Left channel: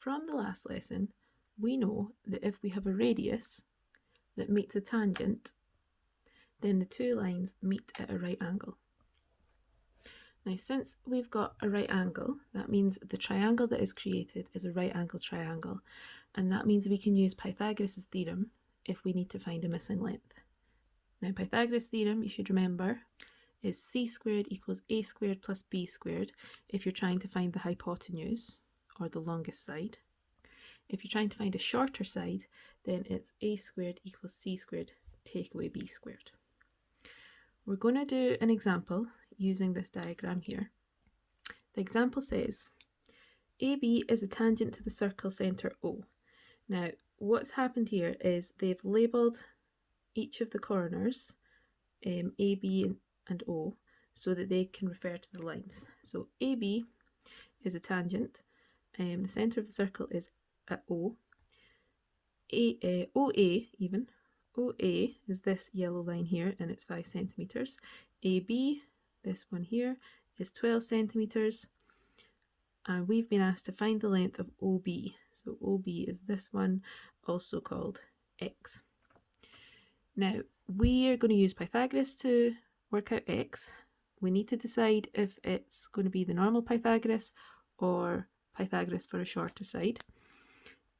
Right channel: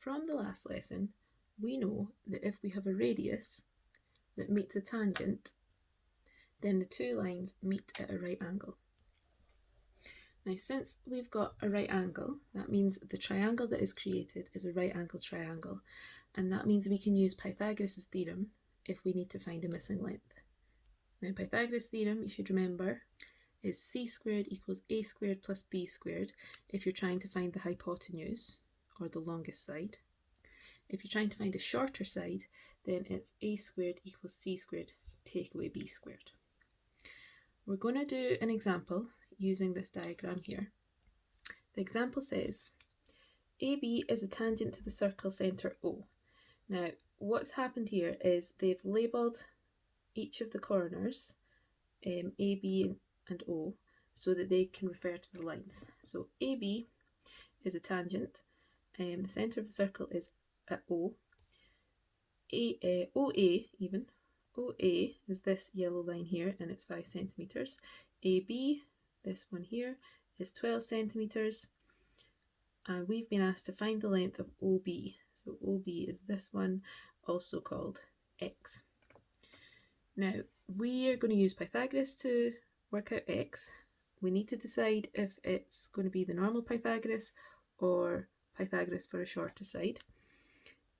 From the last lesson, we know that if we have a radius that meets a tangent, then the two lines meet at a right angle. Now, since we've got a right angle, that means the triangle that is created is a right angle triangle, and that means we can use Pythagoras' theorem if we need to find a missing length. Now, Pythagoras' theorem, you should remember, is c squared equals a squared plus b squared if you're trying to find the hypotenuse, or the longest side. If you're trying to find a shorter side, then it's a squared equals c squared, take away b squared. We're going to do an example using this diagram here. The example says, AB is a tangent to the circle centre O. Now, what's happened here is they've labelled each of the corners, A, B and O, so that they can refer to the lines. So AB is a tangent, the centre of the circle is at O. OA is this yellow line here, and it's 5 centimetres. AB, this one here, is 12 centimetres, and we've been asked to find the length of OB. So OB is this one, also called X. Now, we are going to use Pythagoras to work out X. We need to decide if it's going to be the normal Pythagoras or Pythagoras for a shorter side.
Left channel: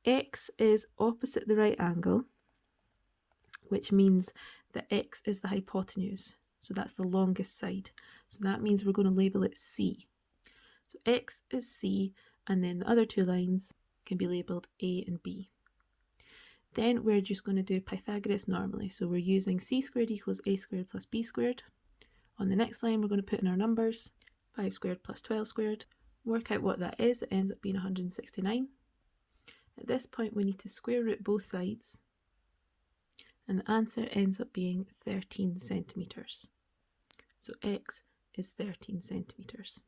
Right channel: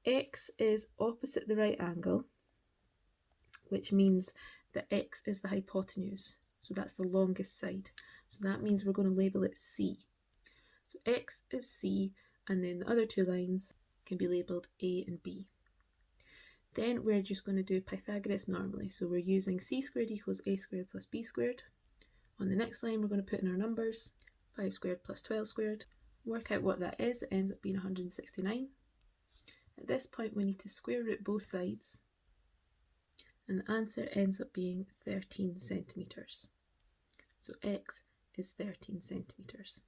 X is opposite the right angle, which means that X is the hypotenuse. So that's the longest side. So that means we're going to label it C. So X is C, and then the other two lines can be labelled A and B. Then we're just going to do Pythagoras normally. So we're using c squared equals a squared plus b squared. On the next line, we're going to put in our numbers, 5 squared plus 12 squared. Work out what that is. It ends up being 169. At this point, we need to square root both sides, and the answer ends up being 13 centimetres. So X is 13 centimetres.